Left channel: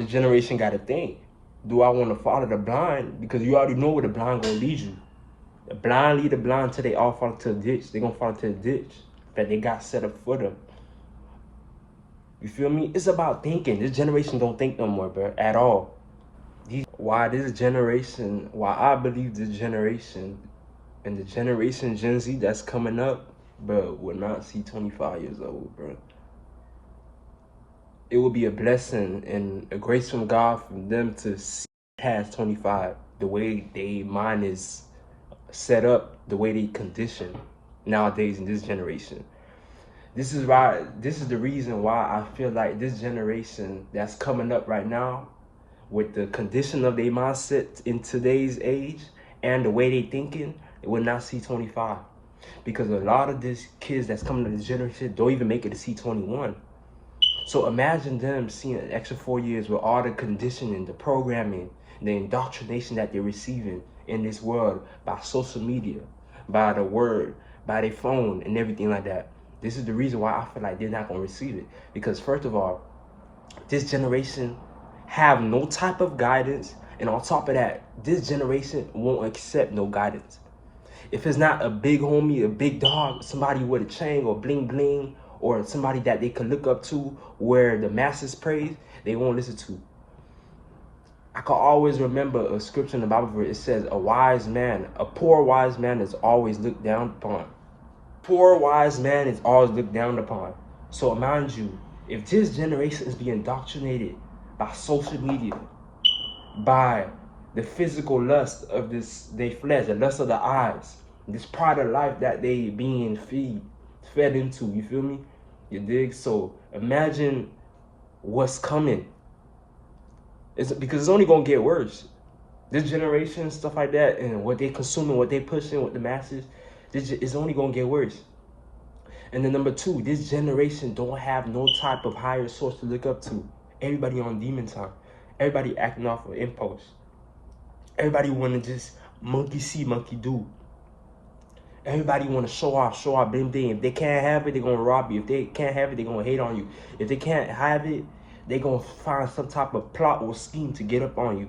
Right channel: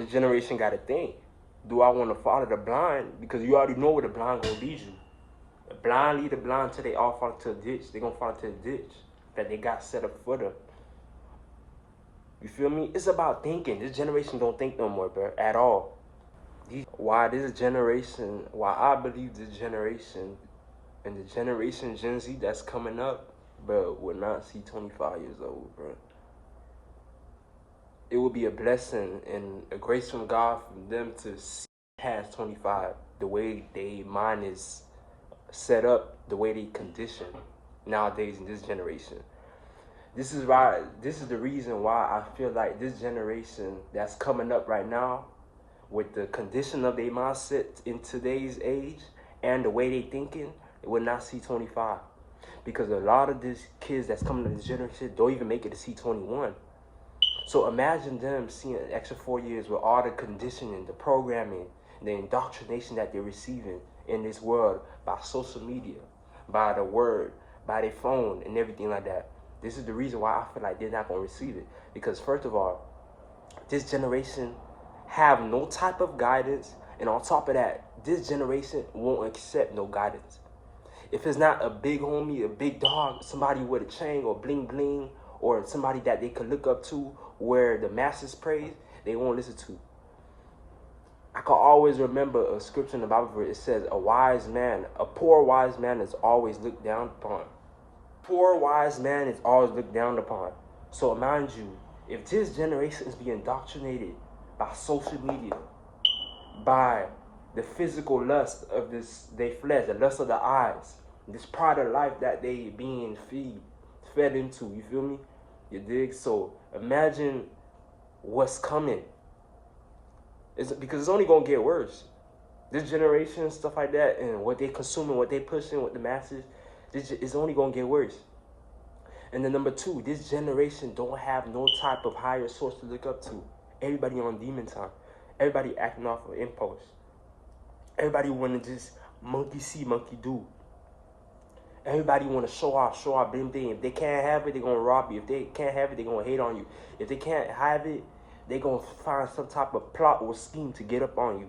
The generation got to think. Do I want to follow the blind? Because you already know where the blind going to lead you. The blind lead the blind till they all fall into a ditch. They're going to fall into a ditch that they got set up for them. You feel me? It's about thinking. This generation don't think no more, bro, at all. Why I believe this generation and the generation Gen Z that's coming up, bro, will not see 25 years old, bro. It will be a blessing and a grace from God for them to see past 25, the way their mind is set up, the way they condition nowadays in this generation. This is the reason why I feel like this generation that's coming up right now, with the condition of their mindset in today's age and the way they thinking, they will not see 25. Because a lot of these kids that's coming to this generation don't even make it to see 21. So imagine them seeing an extra 4 years with all the conditioning, the programming, the indoctrination that they're receiving in this world by social media, by the word, by their phone and everything like that. This is the reason why I feel like they're not going to receive it. Because first of all, this generation have no type of guidance. And on top of that, this generation won't accept no guidance. If it's not a big homie, a big dog, somebody with a chain or bling bling, or somebody that they could look up to where the masses praise, they won't listen to. I can always remember a scripture in the Bible where it says a poor wise man is always looked down upon. Poor wise man is always looked down upon. So mind you, if this generation is being indoctrinated by social media, by the physical lust of their flesh, the lust of the eyes, this pride of life that they being fed into, you feel me? You dig? So imagine what's coming. Because it's only gonna get worse. This generation, stuff like that, and what they consuming, what they pushing with the masses, it's only gonna get worse. And then number two, this generation don't have no type of higher source to look up to. Everybody on demon time. Everybody acting off of impulse. Everybody want to just monkey see, monkey do. Everybody want to show off, bling bling. If they can't have it, they're going to rob you. If they can't have it, they're going to hate on you. If they can't have it, they're going to find some type of plot or scheme to get up on you.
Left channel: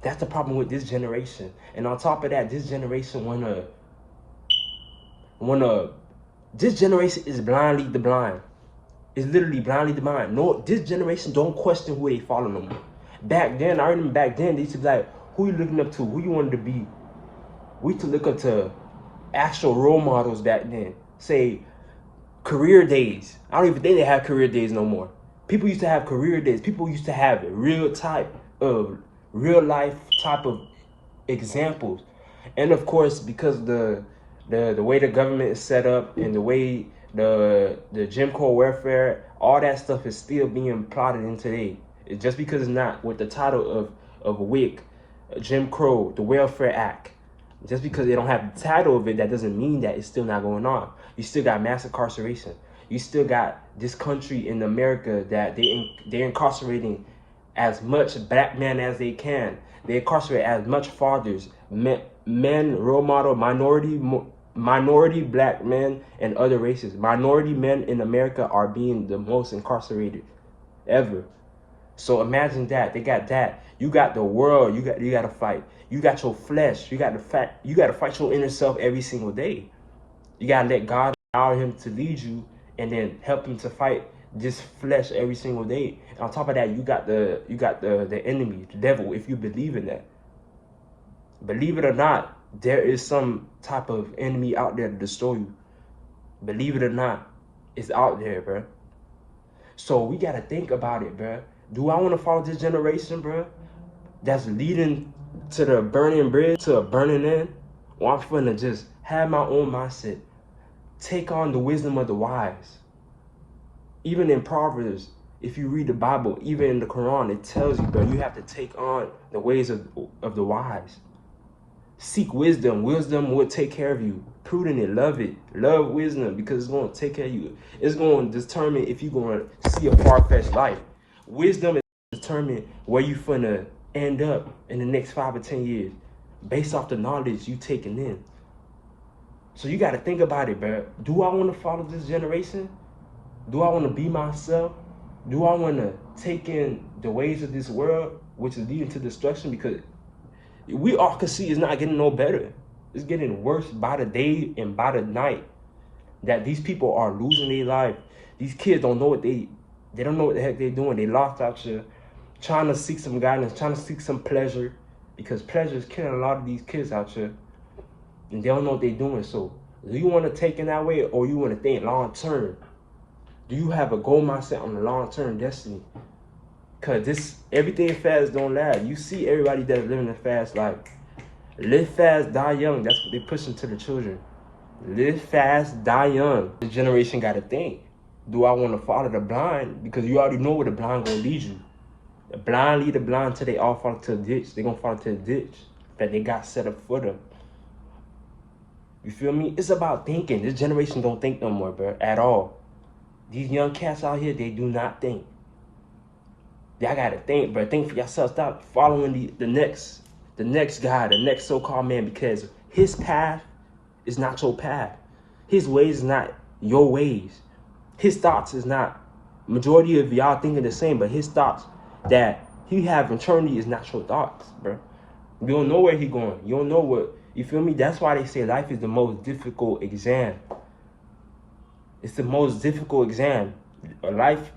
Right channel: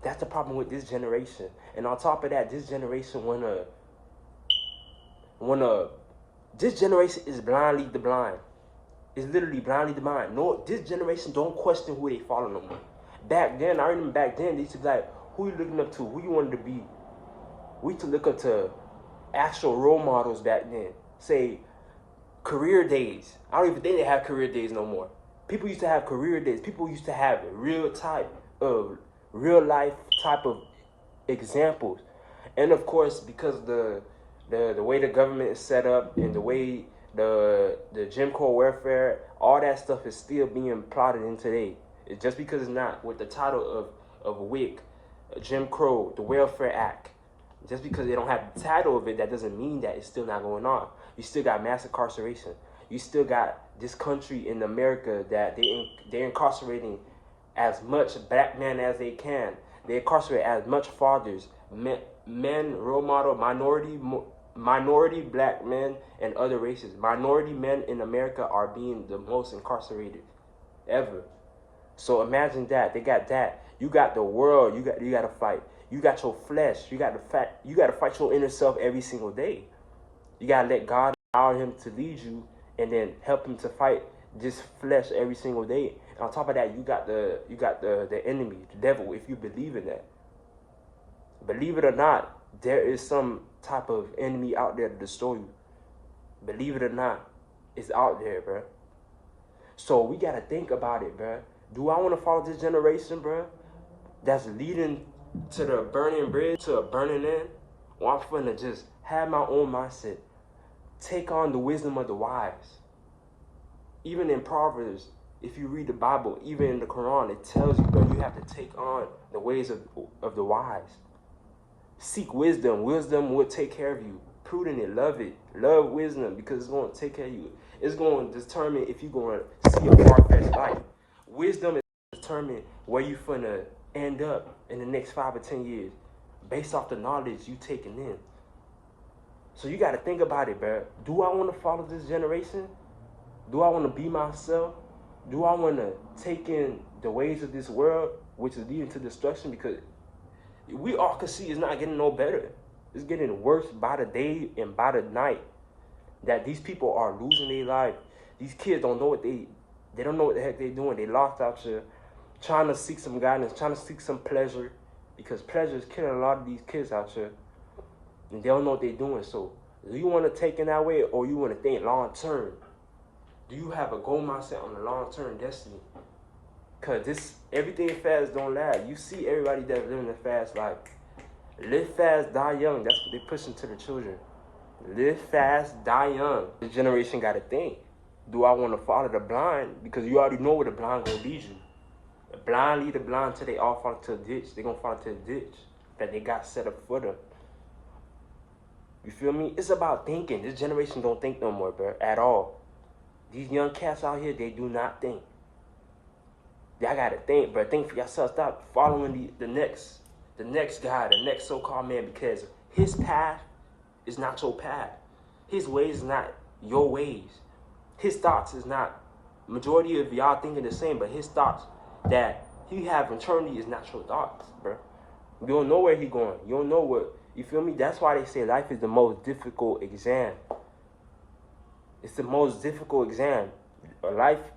That's the problem with this generation. And on top of that, this generation this generation is blind lead the blind. It's literally blind lead the blind. No, this generation don't question who they follow no more. Back then, I remember back then, they used to be like, who you looking up to? Who you wanted to be? We used to look up to actual role models back then. Say, career days. I don't even think they have career days no more. People used to have career days. People used to have real life type of examples. And of course, because the way the government is set up and the way the Jim Crow welfare, all that stuff is still being plotted in today. It's just because it's not with the title of WIC, Jim Crow, the Welfare Act. Just because they don't have the title of it, that doesn't mean that it's still not going on. You still got mass incarceration. You still got this country in America that they're incarcerating as much black men as they can. They incarcerate as much fathers, men, role model, minority black men, and other races. Minority men in America are being the most incarcerated ever. So imagine that. They got that. You got the world. You got to fight. You got your flesh. You got to fight your inner self every single day. You got to let God allow him to lead you and then help him to fight this flesh every single day. And on top of that, you got the enemy, the devil, if you believe in that. Believe it or not, there is some type of enemy out there to destroy you. Believe it or not, it's out there, bro. So we got to think about it, bro. Do I want to follow this generation, bro, that's leading to the burning bridge, to a burning end? Or I'm finna just have my own mindset. Take on the wisdom of the wise. Even in Proverbs, if you read the Bible, even in the Quran, it tells you, bro, you have to take on the ways of the wise. Seek wisdom. Wisdom will take care of you. Prudent it. Love it. Love wisdom because it's going to take care of you. It's going to determine if you're going to see a far-fetched life. Wisdom is determine where you finna end up in the next 5 or 10 years based off the knowledge you taking in. So you got to think about it, bro. Do I want to follow this generation? Do I want to be myself? Do I want to take in the ways of this world, which is leading to destruction? Because we all can see it's not getting no better. It's getting worse by the day and by the night. That these people are losing their life. These kids don't know what they don't know what the heck they're doing. They lost out here, trying to seek some guidance, trying to seek some pleasure, because pleasure is killing a lot of these kids out here, and they don't know what they're doing. So, do you want to take in that way, or you want to think long term? Do you have a goal mindset on the long term destiny? Cause everything fast don't last. You see everybody that's living a fast life. Live fast, die young. That's what they pushing to the children. Live fast, die young. This generation got to think. Do I want to follow the blind? Because you already know where the blind gonna lead you. The blind lead the blind till they all fall into the ditch. They gonna fall into the ditch that they got set up for them. You feel me? It's about thinking. This generation don't think no more, bro, at all. These young cats out here, they do not think. Y'all gotta think, bro. Think for yourself. Stop following the next guy, the next so-called man, because his path is not your path. His ways is not your ways. His thoughts is not, majority of y'all thinking the same, but his thoughts that he have internally is not your thoughts, bro. You don't know where he going. You don't know what, you feel me? That's why they say life is the most difficult exam. It's the most difficult exam. Life,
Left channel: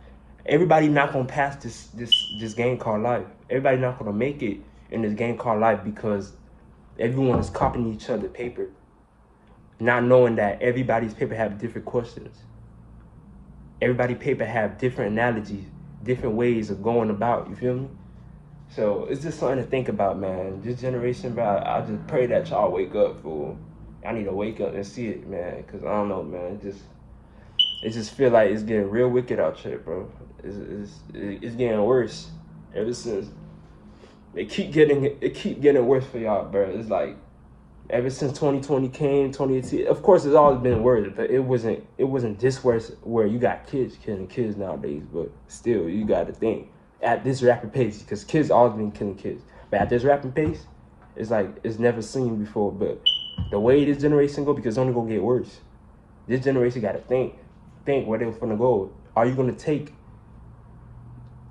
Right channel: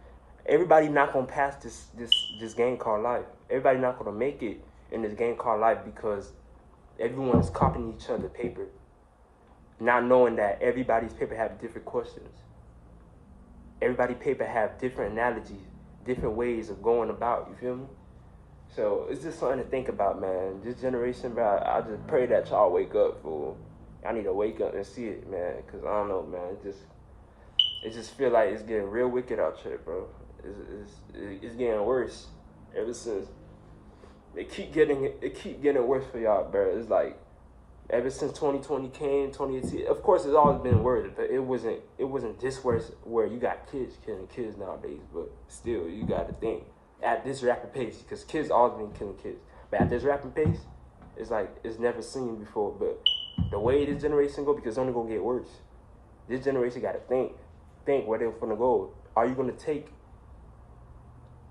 everybody not gonna pass this game called life. Everybody not gonna make it in this game called life because everyone is copying each other's paper, not knowing that everybody's paper have different questions. Everybody's paper have different analogies, different ways of going about, you feel me? So it's just something to think about, man. This generation, bro, I just pray that y'all wake up, fool. I need to wake up and see it, man, because I don't know, man. It just feel like it's getting real wicked out here, bro. It's getting worse ever since. It keep getting worse for y'all, bro. It's like ever since 2020 came, 2018. Of course, it's always been worse, but it wasn't this worse where you got kids killing kids nowadays. But still, you got to think at this rapid pace, because kids always been killing kids. But at this rapid pace, it's like it's never seen before. But the way this generation go, because it's only gonna get worse. This generation got to think where they're gonna go. Are you gonna take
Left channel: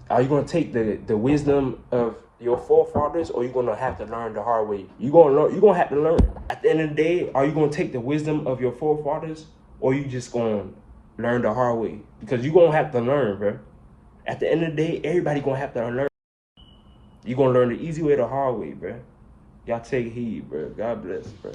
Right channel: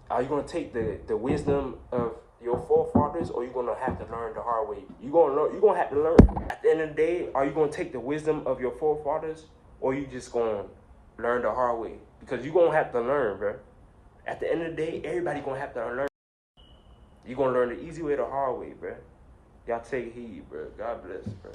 the wisdom of your forefathers, or you're gonna have to learn the hard way? You're gonna have to learn. At the end of the day, are you gonna take the wisdom of your forefathers, or you just gonna learn the hard way? Because you're gonna have to learn, bro. At the end of the day, everybody gonna have to learn. You're gonna learn the easy way, the hard way, bro. Y'all take heed, bro. God bless, bro.